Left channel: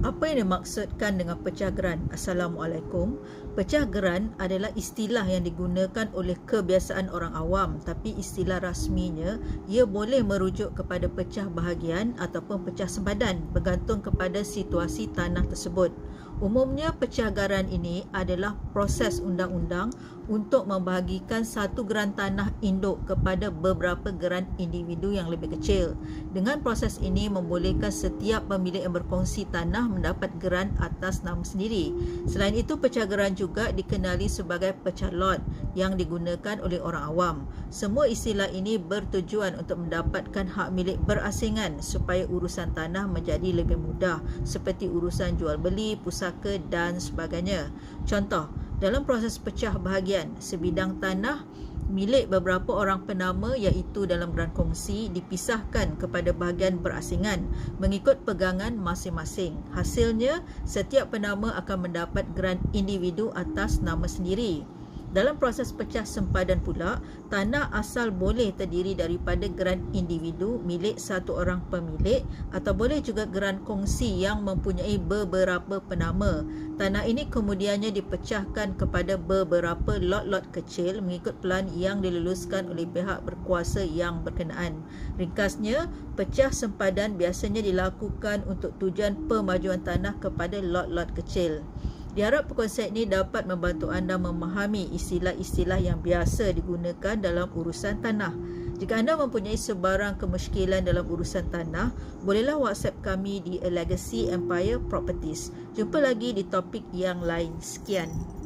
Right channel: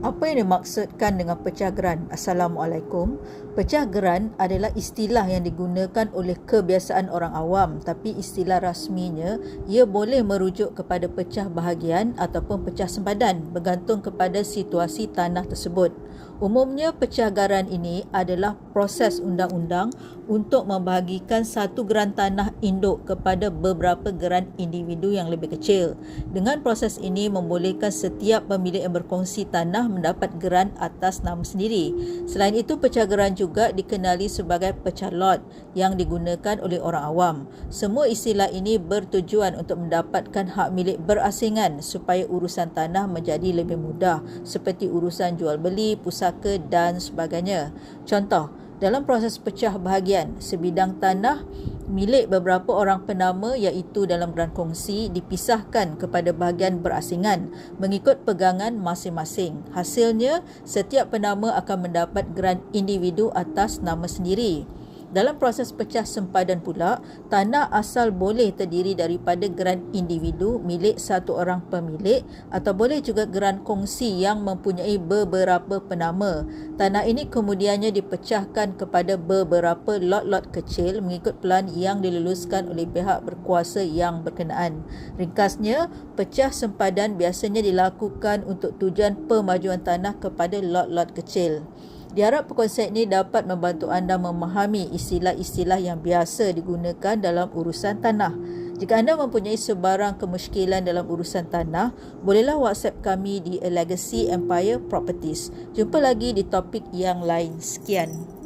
Apa yang dimaksudkan dengan pecah geran? Assalamualaikum. Pecah geran adalah istilah yang digunakan oleh kebiasaan orang awam, tapi istilah rasminya ia boleh merujuk kepada pecah bahagian ataupun pecah sempadan bergantung kepada situasi tanah tersebut. Umumnya pecah geran ini adalah proses undang-undang untuk membahagikan satu geran tanah induk kepada beberapa geran individu yang lebih kecil. Dengan proses ini membolehkan setiap pemilik yang berkongsi tanah mendapat geran atas nama sendiri. Selain itu, pecah geran juga dikenali sebagai pecah lot yang digunakan oleh orang awam. Semua istilah ini bertujuan untuk mendapatkan hak milik berasingan supaya urusan tanah menjadi lebih mudah seperti urusan jual beli, pusaka dan sebagainya. Contoh, dalam proses pecah bahagian, sebidang tanah milik beberapa orang penama iaitu dalam geran kongsi dipisahkan kepada bahagian berasingan mengikut pegangan masing-masing. Hasilnya, setiap penama akan mendapat geran individu atas nama sendiri. Dalam proses pecah sempadan pula, tanah asal boleh terdiri daripada geran individu milik satu orang pemilik atau boleh juga geran kongsi yang mempunyai beberapa penama. Tanah ini kemudiannya dipecahkan kepada beberapa lot-lot kecil mengikut pelan yang diluluskan oleh pihak berkuasa yang berkenaan. Ringkasnya, pecah sempadan biasanya dilakukan untuk tujuan pemajuan tanah kepada lot-lot kecil. Diharap perkongsian ini dapat membantu anda memahami istilah-istilah yang biasa digunakan dalam urusan tanah. Jika anda mempunyai sebarang kemusykilan dalam urusan tanah, bolehlah WhatsApp kami di A Legacy Empire Properties. Jumpa lagi di topik yang lain. Sekian.